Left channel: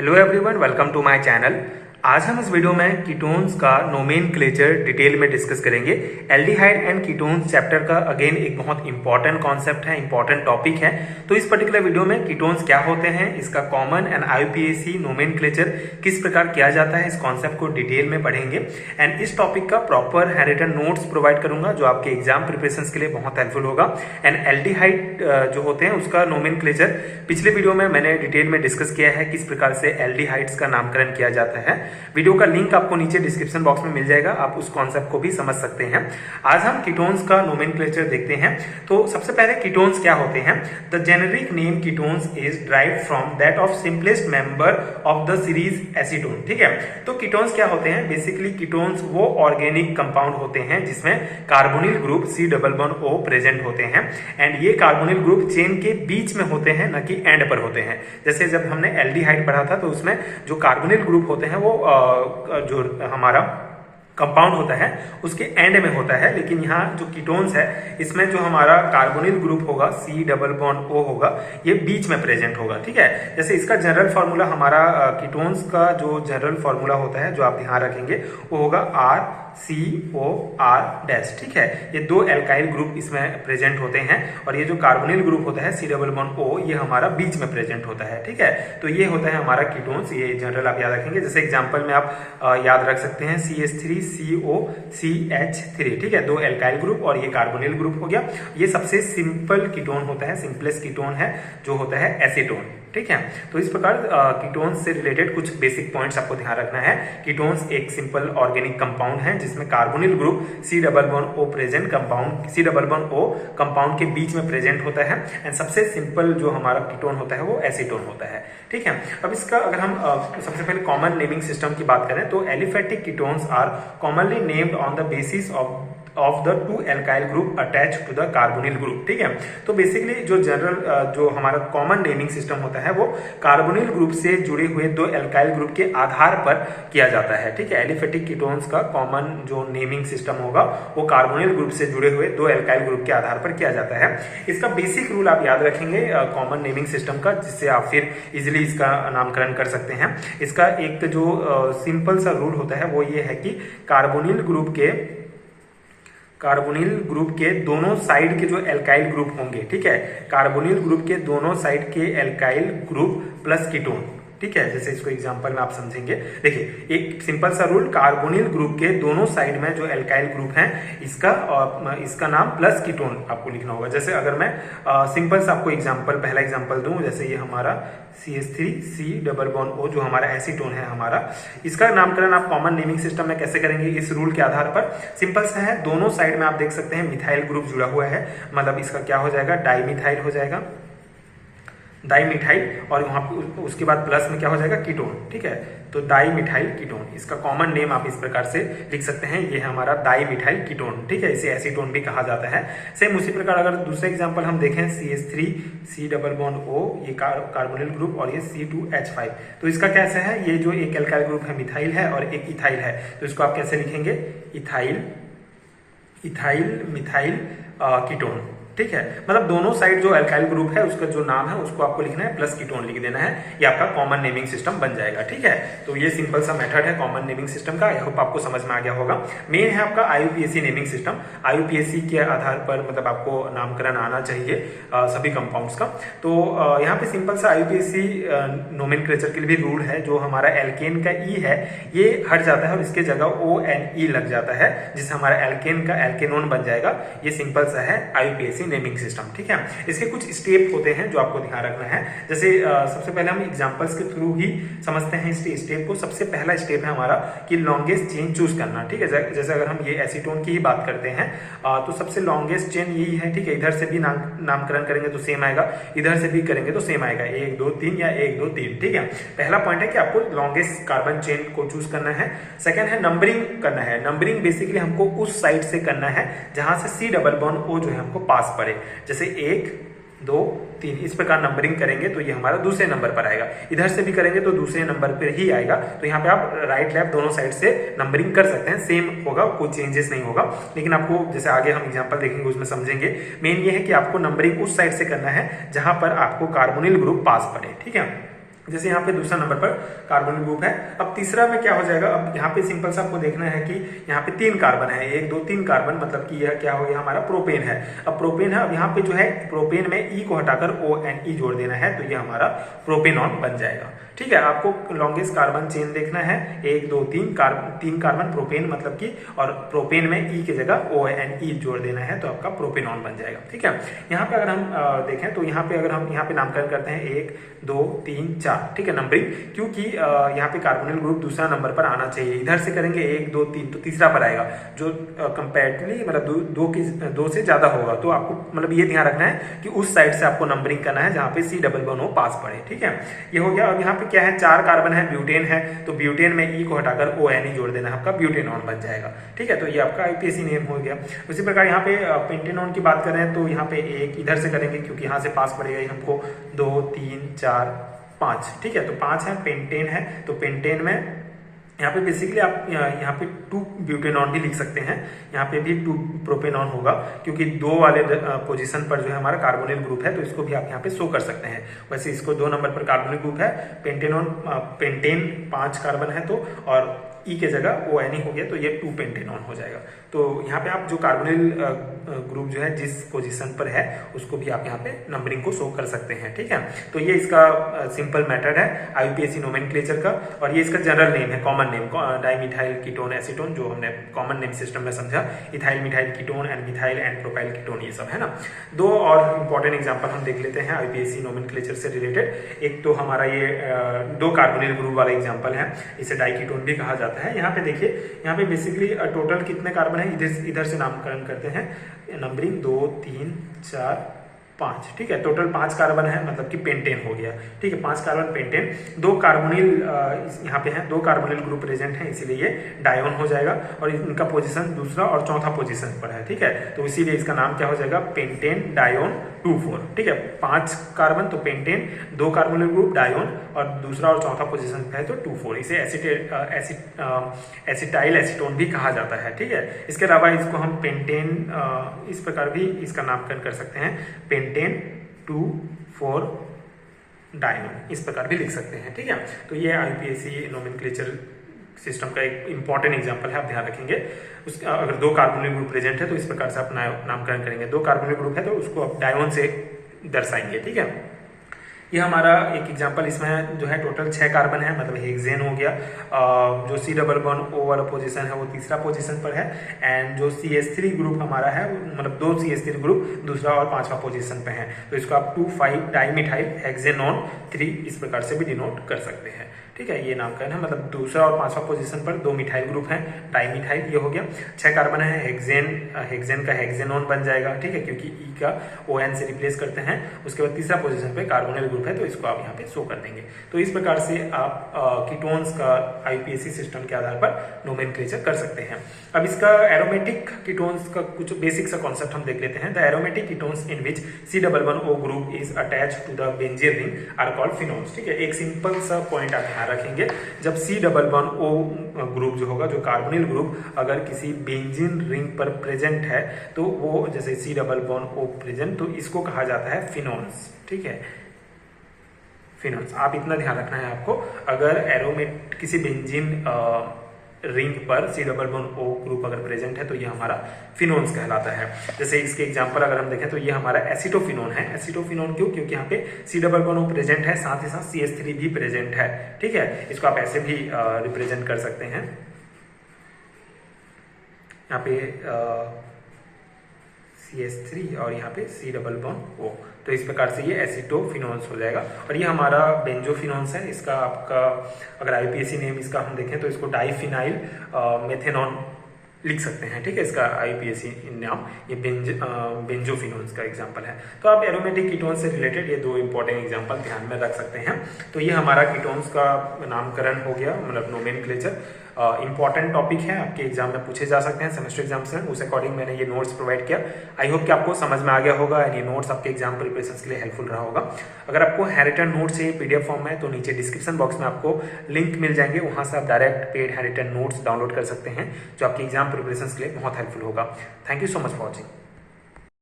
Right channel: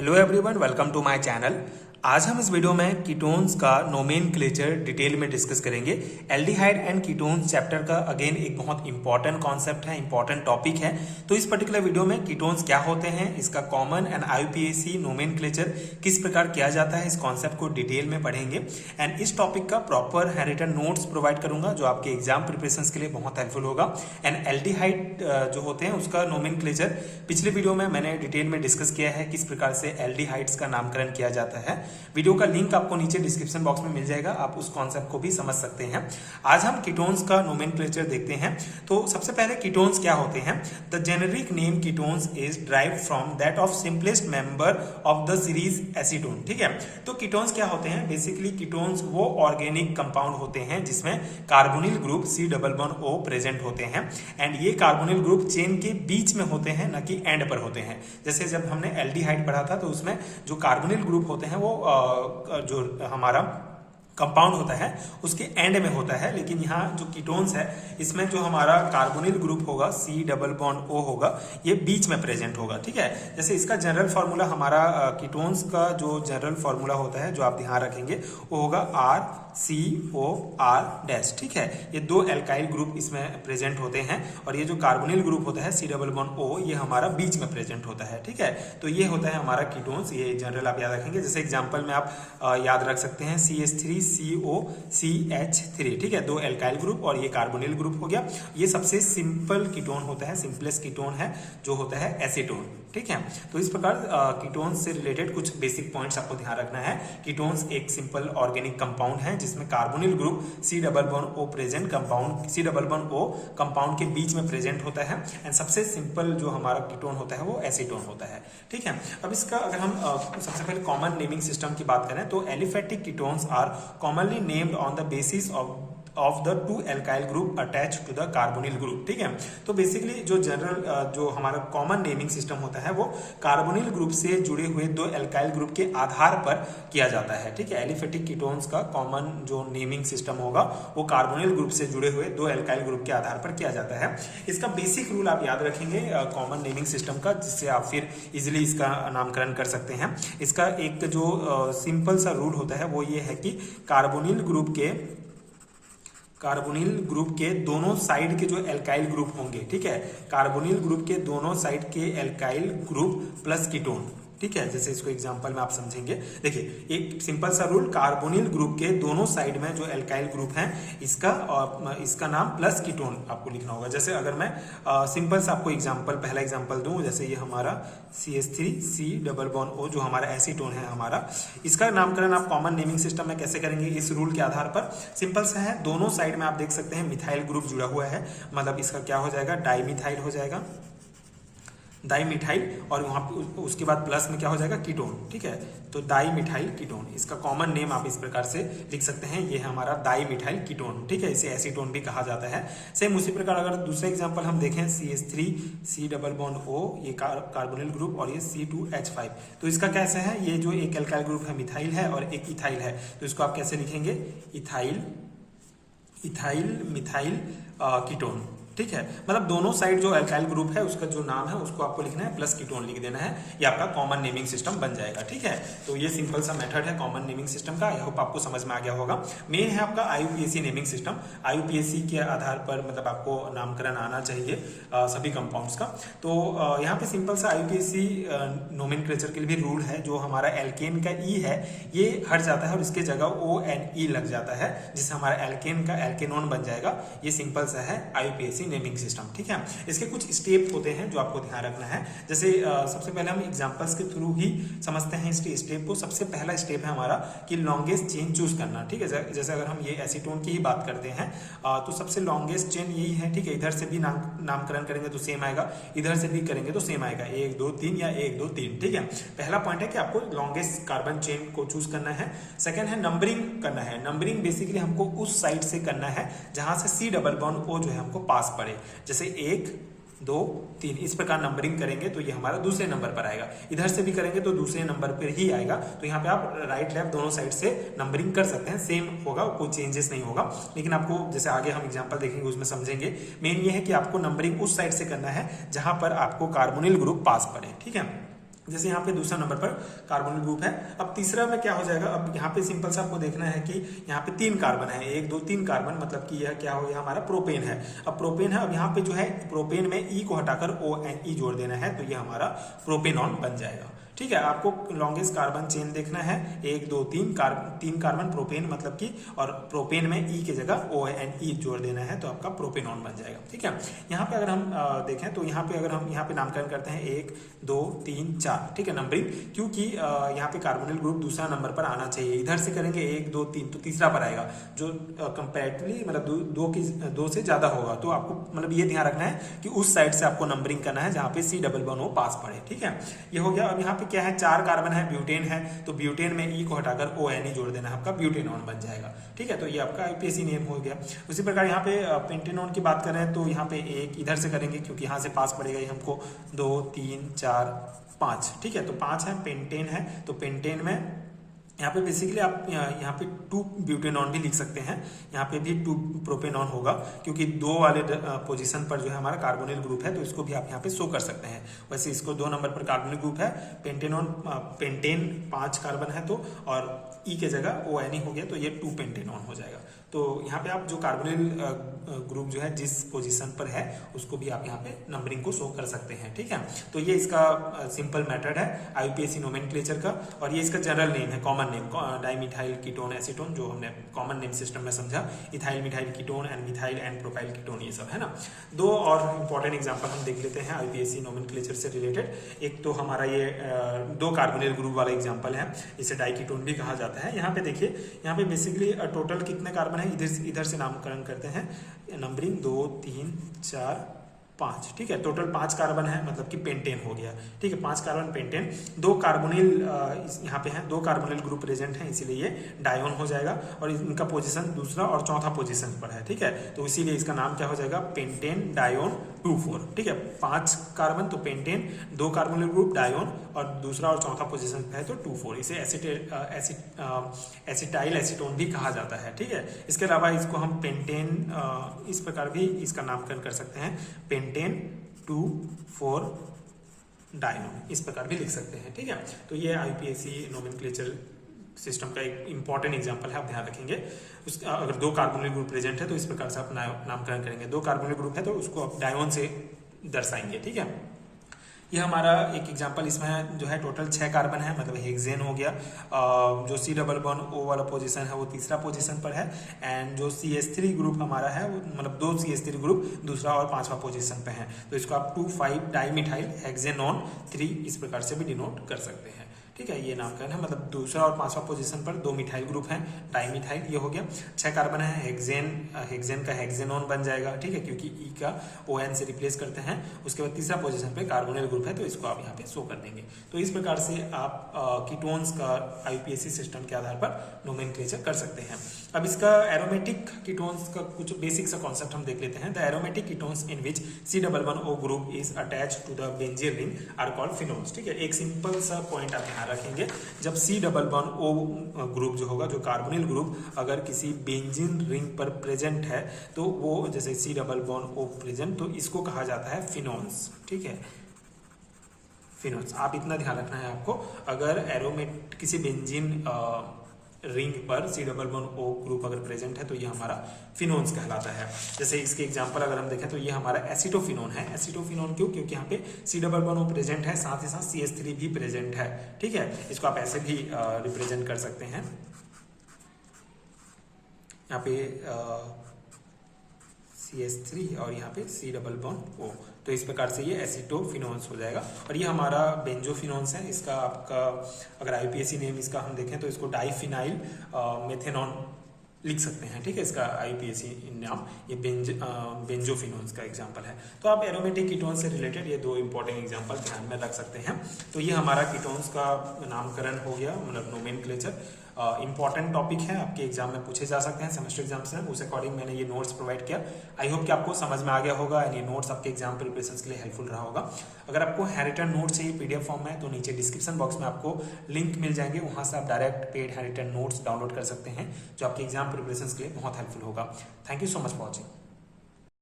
Hello everyone, welcome to my channel. आज हम इस वीडियो में कीटोन्स का नोमेनक्लेचर डिटेल में डिस्कस करेंगे। एल्डिहाइड एंड कीटोन्स चैप्टर का अगेन एक बहुत इंपॉर्टेंट कॉन्सेप्ट है, इंपॉर्टेंट टॉपिक है। तो इस पर्टिकुलर वीडियो में कीटोन्स क्या होते हैं, इसका कॉमन एंड IUPAC नोमेनक्लेचर किस प्रकार किया जाता है, इस कॉन्सेप्ट को डिटेल में पढ़ेंगे। एंड इस टॉपिक का प्रॉपर हैंडरिटन नोट्स प्रोवाइड करूंगा जो आपके एग्जाम प्रिपरेशन के लिए बहुत हेल्पफुल होगा। एंड एल्डिहाइड जो होते हैं उसका नोमेनक्लेचर पिछले वीडियो में मैंने डिटेल में डिस्कस किया है, किस प्रकार से एल्डिहाइड्स का नामकरण किया जाता है। वीडियो का लिंक आपको नीचे डिस्क्रिप्शन बॉक्स में मिल जाएगा, आप उस कॉन्सेप्ट को भी समझ सकते हैं। आज हम कीटोन्स का नोमेनक्लेचर देखते हैं। तो सबसे पहले कीटोन्स क्या होते हैं। The generic name ketones is derived from that of simplest member of the series acetone. ठीक है, तो कीटोन्स क्या होते हैं। बेसिकली कीटोन्स वो ऑर्गेनिक कंपाउंड होते हैं जिसमें कार्बोनिल ग्रुप C++O प्रेजेंट होते हैं। एंड ये कार्बोनिल ग्रुप चेन के बीच में होते हैं, न कि एंड पर होते हैं। जैसे जब हमने एल्डिहाइड पढ़ा था तो उसमें जो कार्बोनिल ग्रुप होते हैं वो जो हमारा कंपाउंड होता है उसके एंड में होता है, लेकिन यहाँ जो कीटोन्स है इसमें जो हमारा कार्बोनिल ग्रुप होगा C++O होगा, ये बीच में प्रेजेंट होगा। ठीक है, जैसे इसका जनरल फार्मूला हमारा कीटोन्स का जो जनरल फार्मूला होता है जो आप ध्यान रखेंगे वो होगा RCOR-। ठीक है, ये दो एल्काइल ग्रुप इसमें प्रेजेंट होते हैं और ये जो कार्बोनिल ग्रुप होता है C++O ये हमारा बीच में प्रेजेंट होता है। ठीक है, तो ये होता है हमारा कीटोन्स, ये जनरल आप याद रखेंगे। जैसे एग्जाम्पल में आप याद रख सकते हैं CH3COCH3। ठीक है, दो एल्काइल ग्रुप और ये कार्बोनिल ग्रुप हो गया। ये सबसे सिंपल कीटोन होता है, सिंपलेस्ट कीटोन है जो होता है एसीटोन। ठीक है, तो इस प्रकार कीटोन्स से रिलेटेड कुछ बेसिक पॉइंट्स आपको ध्यान रखना है। कीटोन्स एक सिंपल ऑर्गेनिक कंपाउंड है जिसमें carbonyl group C++O present compound C++O compound के बीच में प्रेजेंट होता है। एंड सबसे सिंपल जो हमारा कीटोन होता है वो एसीटोन होता है। ठीक है, अब इसका अगर हम सबसे पहले कॉमन नेमिंग सिस्टम की बात करें तो aliphatic ketones are commonly named on the basis of the two alkyl group attach to the carbonyl group. ठीक है, तो बेसिकली जो जनरल जो हमारा कॉमन नेमिंग सिस्टम होता है वो कार्बोनिल ग्रुप से जुड़े हुए दो एल्काइल ग्रुप के आधार पर किया जाता है। ठीक है, एलिफेटिक कीटोन्स का कॉमन जो नेमिंग सिस्टम होगा वो कार्बोनिल ग्रुप से जुड़े हुए दो एल्काइल ग्रुप के आधार पर किया जाता है। इसका बेसिक रूल आप याद रखेंगे कॉमन नेमिंग सिस्टम का, जिससे आप फिर इजिली इसका नामकरण कर सकते हैं। इसका एक जो सिंपल सा रूल होता है वो ये है कि कार्बोनिल ग्रुप के दोनों साइड के जो एल्काइल ग्रुप होंगे, ठीक है, कार्बोनिल ग्रुप के दोनों साइड के एल्काइल ग्रुप प्लस कीटोन। ठीक है, जैसे इसको एग्जांपल में आप समझेंगे। देखिए एक सिंपल सा रूल, कार्बोनिल ग्रुप के दोनों साइड में जो एल्काइल ग्रुप हैं इसका नाम प्लस कीटोन आपको लिखना होगा। जैसे अगर मैं सिंपल सा आपको पहला एग्जांपल दूं, जैसे ये हमारा CH3C++O जो हमारा एसीटोन है हमारा, इसका नामकरण आप कॉमन नेमिंग सिस्टम में कैसे करेंगे इस रूल के आधार पर। सिंपल सा है, दोनों साइड में आप देख सकते हैं मिथाइल ग्रुप जुड़ा हुआ है, मतलब इसका क्या हो जाएगा, डाईमिथाइल हो जाएगा, डाईमिथाइल, और वहां उसके बाद प्लस में क्या हो जाएगा, कीटोन। ठीक है, तो डाईमिथाइल कीटोन, इसका कॉमन नेम आप इस प्रकार से लिख सकते हैं, ये है हमारा डाईमिथाइल कीटोन। ठीक है, इसे एसीटोन भी कहा जाता है। सेम उसी प्रकार अगर दूसरा एग्जांपल हम देखें, CH3C++O ये कार्बोनिल ग्रुप और ये C2H5, तो इसका कैसे है, ये जो एक एल्काइल ग्रुप है मिथाइल है और एक इथाइल है, तो इसको आप कैसे लिखेंगे, इथाइल मिथाइल कीटोन। ठीक है, मतलब दोनों साइड जो एल्काइल ग्रुप है उसका जो नाम है उसको आपको लिखना है, प्लस कीटोन लिख देना है, ये आपका कॉमन नेमिंग सिस्टम बन जाएगा। ठीक है, तो ये सिंपल सा मेथड है कॉमन नेमिंग सिस्टम का। आई होप आपको समझ में आ गया होगा। मेन है आपका IUPAC नेमिंग सिस्टम। IUPAC के आधार पर मतलब आपको नामकरण आना चाहिए सभी कंपाउंड्स का। तो यहाँ पे सिंपल सा IUPAC नोमेनक्लेचर के लिए भी रूल है, जो हमारा एल्केन का E है ये हट जाता है और इसके जगह ONE लग जाता है, जिससे हमारा एल्केन का एल्केनोन बन जाएगा। ये सिंपल सा है IUPAC नेमिंग सिस्टम। ठीक है, इसके कुछ स्टेप होते हैं जो आपको ध्यान रखना है। जैसे सबसे पहले हम एग्जांपल्स के थ्रू ही समझते हैं इस स्टेप को। सबसे पहला स्टेप है हमारा कि लॉन्गेस्ट चेन चूज करना। ठीक है, जैसे अगर हम ये एसीटोन की ही बात करते हैं तो सबसे लॉन्गेस्ट चेन यही है। ठीक है, इधर से भी नामकरण करेंगे तो सेम आएगा, इधर से भी करेंगे तो सेम आएगा, 1 2 3 या 1 2 3। ठीक है, पहला पॉइंट है कि आपको लॉन्गेस्ट कार्बन चेन को चूज करना है। सेकंड है नंबरिंग करना है। नंबरिंग बेसिकली हमको उस साइड से करना है जहां से C++O जो है हमको पास पड़े, जैसे 1 2 3 इस प्रकार नंबरिंग करेंगे तो ये हमारा दूसरे नंबर पर आएगा। इधर से भी करेंगे तो दूसरे नंबर पर ही आएगा। तो यहाँ पे आप राइट लेफ्ट दोनों साइड से नंबरिंग कर सकते हैं, सेम होगा, कोई चेंजेस नहीं होगा। लेकिन आपको जैसे आगे हम एग्जांपल देखेंगे उसमें समझेंगे। मेन ये है कि आपको नंबरिंग उस साइड से करना है जहां पर आपको कार्बोनिल ग्रुप पास पड़े। ठीक है, जैसे यहाँ पे दूसरा नंबर पर कार्बोनिल ग्रुप है। अब तीसरा में क्या हो जाएगा, अब यहाँ पे सिंपल सा आपको देखना है कि यहाँ पे 3 कार्बन है, 1 2 3 कार्बन, मतलब कि यह क्या हो गया, हमारा प्रोपेन है। अब प्रोपेन है, अब यहाँ पे जो है प्रोपेन में ई को हटाकर ONE जोड़ देना है, तो ये हमारा प्रोपेनॉन बन जाएगा। ठीक है, आपको लॉन्गेस्ट कार्बन चेन देखना है, 1 2 3 कार्बन प्रोपेन, मतलब कि, और प्रोपेन में ई की जगह ONE जोड़ देना है, तो आपका प्रोपेनॉन बन जाएगा। ठीक है, यहाँ पे अगर हम देखें तो यहाँ पे अगर हम यहाँ पे नामकरण करते हैं 1 2 3 4, ठीक है, नंबरिंग, क्योंकि यहाँ पे कार्बोनिल ग्रुप दूसरा नंबर पर आना चाहिए। इधर से करेंगे 1 2 3 तो तीसरा पर आएगा, जो कंपैरेटिवली मतलब 2 से ज्यादा होगा। तो आपको मतलब ये ध्यान रखना है कि उस साइड से आपको नंबरिंग करना है जहाँ पे C O पास पड़े। ठीक है, ये हो गया। अब यहाँ पे क्या है, 4 कार्बन है, ब्यूटेन है, तो ब्यूटेन में ई को हटाकर ONE जोड़ देना है, आपका ब्यूटेनॉन बन जाएगा। ठीक है, तो ये आपका IUPAC नेम हो गया। उसी प्रकार यहाँ पे पेंटेनॉन की बात करें तो यहाँ पे एक इधर से करेंगे, क्योंकि यहाँ से पास पड़ेगा हमको 2 3 4 5। ठीक है, तो 5 है, पेंटेन है, तो पेंटेन में यहाँ पे बेसिकली आप यहाँ पे 2 ब्यूटेनॉन भी लिख सकते हैं, यहाँ पे भी 2 प्रोपेनॉन होगा, क्योंकि 2 वाले पोजीशन पर जो है हमारा कार्बोनिल ग्रुप है, तो इसको भी आप यहाँ पे शो कर सकते हैं। वैसे इसको 2 नंबर पर कार्बोनिल ग्रुप है, पेंटेन 5 कार्बन है, तो और ई के जगह ONE हो गया, तो ये 2 पेंटेनॉन हो जाएगा। तो यहाँ पे आप जो कार्बोनिल ग्रुप जो है जिस पोजीशन पर है उसको भी आप यहाँ पे नंबरिंग को शो कर सकते हैं। ठीक है, तो ये इसका सिंपल मेथड है IUPAC नोमेनक्लेचर का, और ये इसका जनरल नेम है, common name, dimethyl ketone acetone, जो हमने कॉमन नेम सिस्टम में समझा, ethyl methyl ketone and methyl and propyl ketone, ये सब है ना। 2 और इंपॉर्टेंट एग्जांपल हम देख लेते हैं IUPAC नोमेनक्लेचर से रिलेटेड। एक तो हमारा ये 2 कार्बोनिल ग्रुप वाला एग्जाम्पल है, इसे डाइकीटोन भी कहा जाता है। यहाँ पे देखिए, यहाँ पे बेसिकली टोटल कितने कार्बन है, इधर से नामकरण करते हैं, नंबरिंग 2 3 4 5। ठीक है, टोटल 5 कार्बन है, मतलब कि पेंटेन हो गया। ठीक है, 5 कार्बन पेंटेन, 2 कार्बोनिल यहाँ पे है, 2 कार्बोनिल ग्रुप प्रेजेंट है, इसीलिए ये डायोन हो जाएगा, और इनका पोजीशन दूसरा और चौथा पोजीशन पर है। ठीक है, तो इसीलिए इसका नाम क्या हो जाएगा, पेंटेन डायोन 2,4। ठीक है, 5 कार्बन तो पेंटेन, 2 कार्बोनिल ग्रुप डायोन, और दूसरा और चौथा पोजीशन पे है तो 2,4। इसे एसिटाइल एसीटोन भी कहा जाता है। ठीक है, इसके अलावा इसको हम पेंटेन इस प्रकार भी इसका नामकरण कर सकते हैं, पेंटेन 2,4 डायोन, इस प्रकार भी लिख सकते हैं। ठीक है, तो ये IUPAC नोमेनक्लेचर सिस्टम का एक इंपॉर्टेंट एग्जांपल है, आप ध्यान रखेंगे। उसका अगर 2 कार्बोनिल ग्रुप प्रेजेंट है तो इस प्रकार से आप नामकरण करेंगे। 2 कार्बोनिल ग्रुप है तो उसको आप डायोन से दर्शाएंगे। ठीक है, ये हमारा एक एग्जांपल, इसमें जो है टोटल 6 कार्बन है, मतलब हेक्सेन हो गया। जो C O वाला पोजीशन है वो तीसरा पोजीशन पर है, एंड जो CH3 ग्रुप हमारा है मतलब 2 CH3 ग्रुप दूसरा और 5वां पोजीशन पे है, तो इसको आप 2,5 डाइमिथाइल हेक्सेनॉन 3 इस प्रकार से भी डिनोट कर सकते हैं। ठीक है, ये नामकरण है, मतलब दूसरा और 5वां पोजीशन पर 2 मिथाइल ग्रुप है, डाइमिथाइल, ये हो गया। 6 कार्बन है, हेक्सेन का हेक्सेनॉन बन जाएगा। ठीक है, क्योंकि ई का ON से रिप्लेस करते हैं। उसके बाद तीसरा पोजीशन पे कार्बोनिल ग्रुप है, तो इसको आप यहाँ पे शो कर देंगे। तो इस प्रकार से आप कीटोन्स का IUPAC सिस्टम के आधार पर नोमेनक्लेचर कर सकते हैं। अब इसका एरोमेटिक कीटोन्स का कुछ बेसिक सा कॉन्सेप्ट हम देख लेते हैं। The aromatic ketones in which C O group is attached to the benzene ring are called phenols. ठीक है, एक सिंपल सा पॉइंट आप ध्यान रखेंगे, जब C O ग्रुप जो होगा, जो कार्बोनिल ग्रुप अगर किसी बेंजीन रिंग पर प्रेजेंट है, तो वो जैसे C O प्रेजेंट, तो इसको कहा जाता है फिनोल्स। ठीक है, फिनोल्स, आप इतना ध्यान रखना है आपको, अगर एरोमेट किसी बेंजीन रिंग पर C O ग्रुप अगर प्रेजेंट है तो ये हमारा फिनोन्स कहलाता है। जैसे इसके एग्जांपल अगर हम देखें तो ये हमारा एसिटोफिनोन है। एसिटोफिनोन क्यों? क्योंकि यहाँ पे C O प्रेजेंट है, साथ ही साथ CH3 भी प्रेजेंट है। ठीक है, इसको आप ऐसे भी रिप्रेजेंट कर सकते हैं, यहाँ पे CH3 और यहाँ पे C O, तो इस प्रकार से ये एसिटोफिनोन्स हो जाएगा। और ये हमारा बेंजोफिनोन्स है, इसका आपका अगर IUPAC नेम इसका हम देखें तो इसको डाइफिनाइल मेथेनॉन लिख सकते हैं। ठीक है, इसका IUPAC नाम ये बेंजोफिनोन्स का एग्जांपल है। तो आप एरोमेटिक कीटोन्स से रिलेटेड ये 2 इंपॉर्टेंट एग्जांपल ध्यान में रख सकते हैं। तो ये हमारा कीटोन्स का नामकरण हो गया, मतलब नोमेनक्लेचर। इंपॉर्टेंट टॉपिक है, आपके एग्जाम में पूछे जा सकते हैं, सेमेस्टर एग्जाम्स में, उस अकॉर्डिंग मैंने ये नोट्स प्रोवाइड किया। आई होप कि आपको समझ में आ गया होगा एंड ये नोट्स आपके एग्जाम प्रिपरेशन के लिए हेल्पफुल रहा होगा। अगर आपको हैंडरिटन नोट्स चाहिए PDF फॉर्म में, तो नीचे डिस्क्रिप्शन बॉक्स में आपको लिंक मिल जाएंगे, वहां से आप direct paid handwritten notes download कर सकते हैं, जो आपके एग्जाम प्रिपरेशन के लिए बहुत हेल्पफुल होगा। Thank you so much for watching.